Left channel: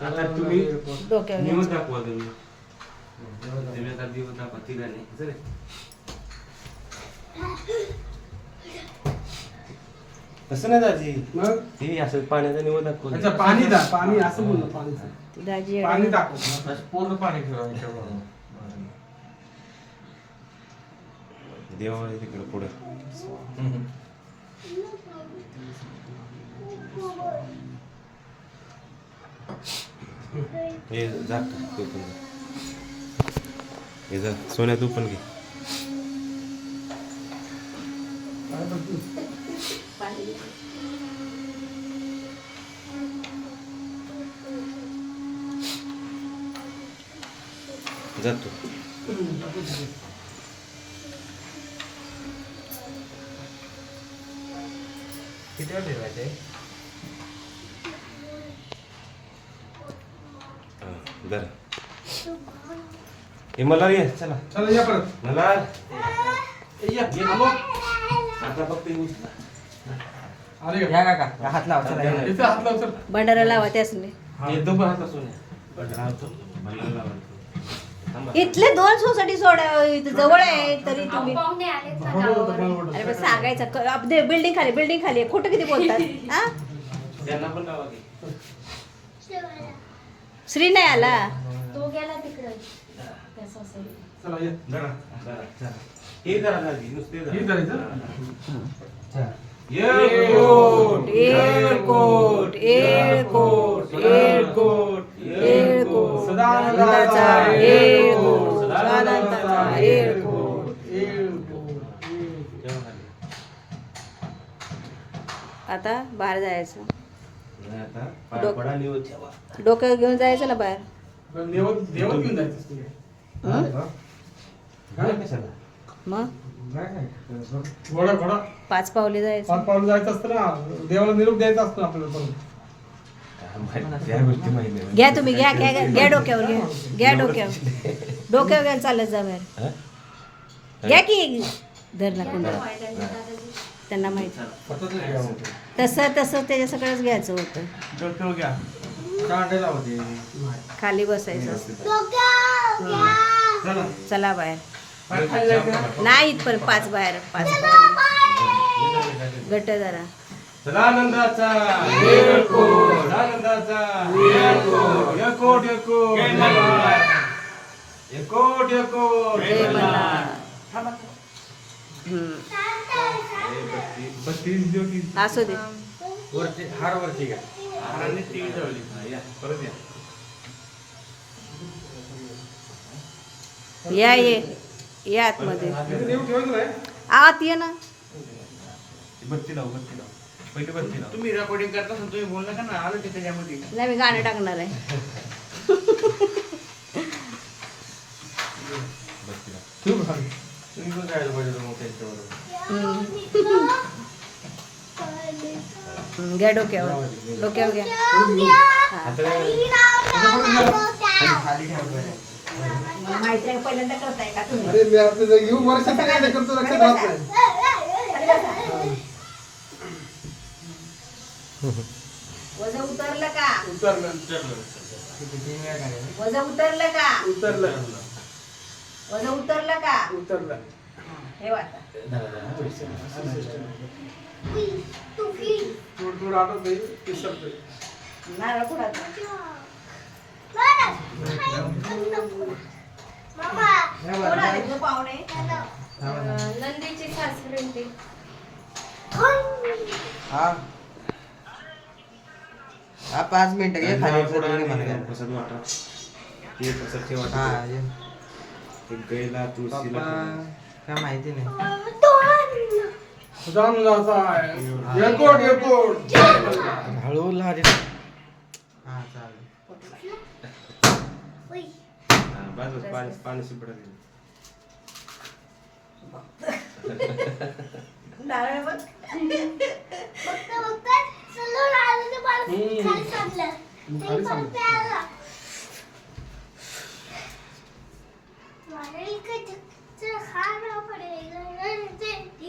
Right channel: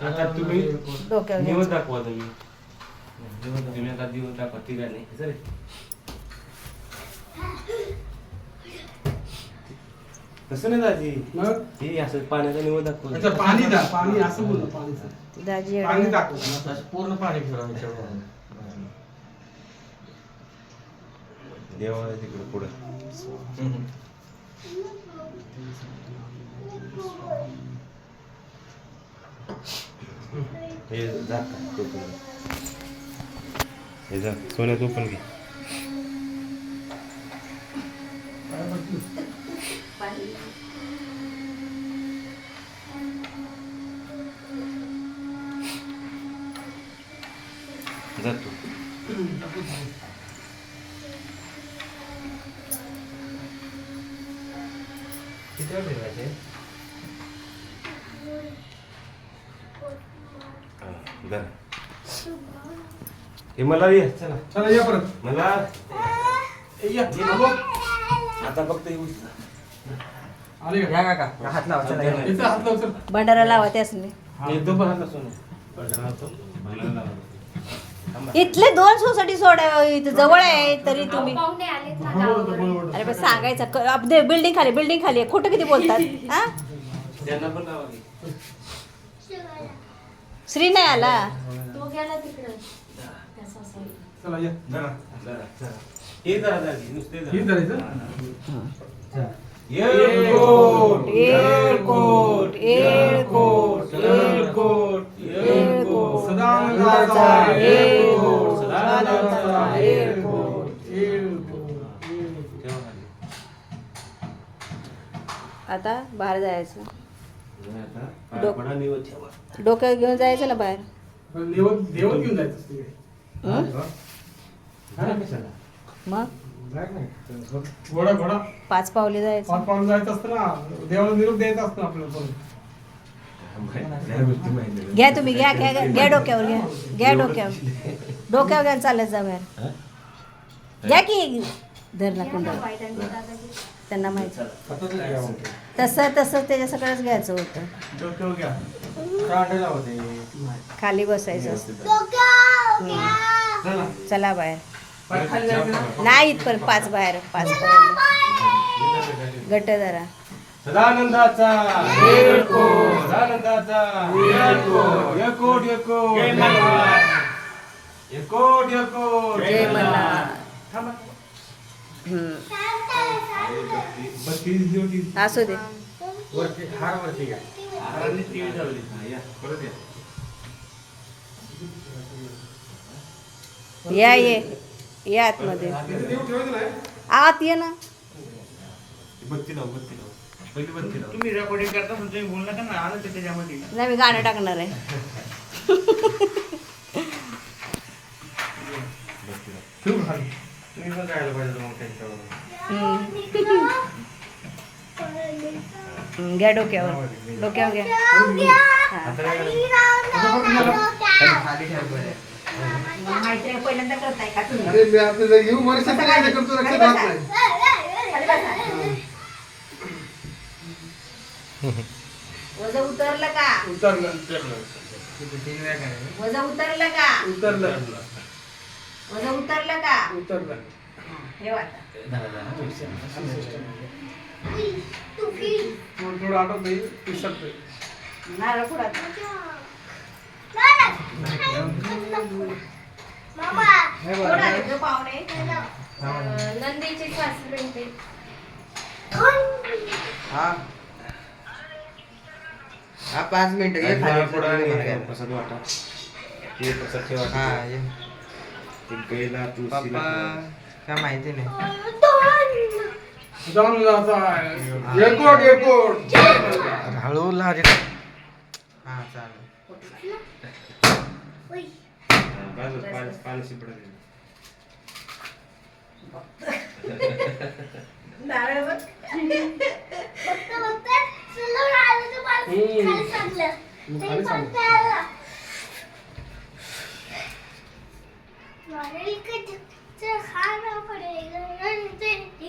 आता तुम्ही डोक्यावर निवड घ्यायचं. दाखवा तुम्ही तुम्ही आता दिवस दाखवा तिघांनी. सर. तसं नाही दाजी. मग? ते असं पाण्याचा निवड दाखवा अच्छा पाणी दा पाणी असं बोललं पाणीचं दाजी पाणी एवढं- दाखव. पूर्ण पाणी फिरवायचं एवढं. देवा आहे तिकडे पुढे हे जा तू पण जा. हे जा सोन्या तू पण घे. जा किती वेळ फिरवायचंय हा, जरा हे मला ये चला. चला या परत. मला? ए, या. आता फक्त येऊ. आले का? या काका हात लावा चला या. इथं हात लाव चल. भंडारा लावा त्यासने येतो पण आता. इथले दोन सोसायटी सोडा इथं जवळ आहे तरी तुम्ही पाहुणे आलेत ना. अरे पण सांगायचं बिल्डिंग खाली बिल्डिंग खाली आहे. खोटं किती बोलतात हा? त्यांना पण लावा की. श्री नाही आला. तो गेला तिकडे. त्या सासरी. चला या जरा जरा हे जरा दाजी नुसते हे जरा धरायचं एअरकोट एअरकोट एअरकोट एअरकोट एअरकोट सदानंदाचा सदानंदाचा. आता बाहेर जायचं. जरा आता पाय डोक- पडा निवड ठेवा. डोक्यावर घेऊन जायचं ना बाहेर मग? पाच पावले जायचं. पाच पाऊल जायचं असतं ना. देवाला निरोप द्यायचा असतो आपल्याला पण या गोष्टी माहिती नाही. घ्या तुम्ही घ्या घ्या घ्या घ्या डोक्यावर घ्या. घ्या डोक्यावर. डोक्यावर घ्या आणि चालत जा बाहेर? घ्या की धर ना कुंडा. त्यांना माहिती तसं तसं त्याच्या सगळंच घ्यायचं होतं. खाली बसायचं असतं. चला. चला बाहेर. नाही इथपर्यंत पाच बाहेर पाच पावले गट जरा. सदानंदाचा. सदानंदाचा. बत्तीस असू दे. वरती हार वरती घ्या. हारांनी टीव्ही लावली हा, या परत या. या ये. या आतमध्ये. आत ये ना. बत्ती लाव बत्ती लाव. पहिली तुम्ही रेकॉर्डिंग करता तुम्ही बोल नका ना आलं ते त्याच्यामध्ये. नाही मी गाणं टाकणार आहे. बत्ती लाव ठेवू खाली तुम्ही पण जायला पाहिजे होतं मग त्यांच्याबरोबर. हम्म. हम्म, घ्या डोक्यावर. डोक्यावर घ्या. हा. आता काय खाली ठेवायला पाहिजे माहिती आहे, पहिल्यांदा करताय का तुम्ही? अरे मी आता येऊ वर्षात काय करतो लक्षात राहत नाही. वजन उतरलं का? उतरलं करायचं. वजन उतरलं का? उतरलं. वजन उतरलं का? उतरलं. हे वाटतं थोडं थोडं हा पाच मिनिटं घे खाली उतरलं आणि म्हणायला. प्रसाद वाटा. ते प्रसाद ठेवा हा ये. एक गैला तुळशीला पप्पा काय माहिती नाही. सदानंदाचा एअरपोर्ट एअरपोर्ट हळू लहरी हा चालेल. हा, बाजूला पाणी पाणी शिपडा दे. नारळ बघ. 你看上了 लग तेरे 个这还上 अलग वाणिकत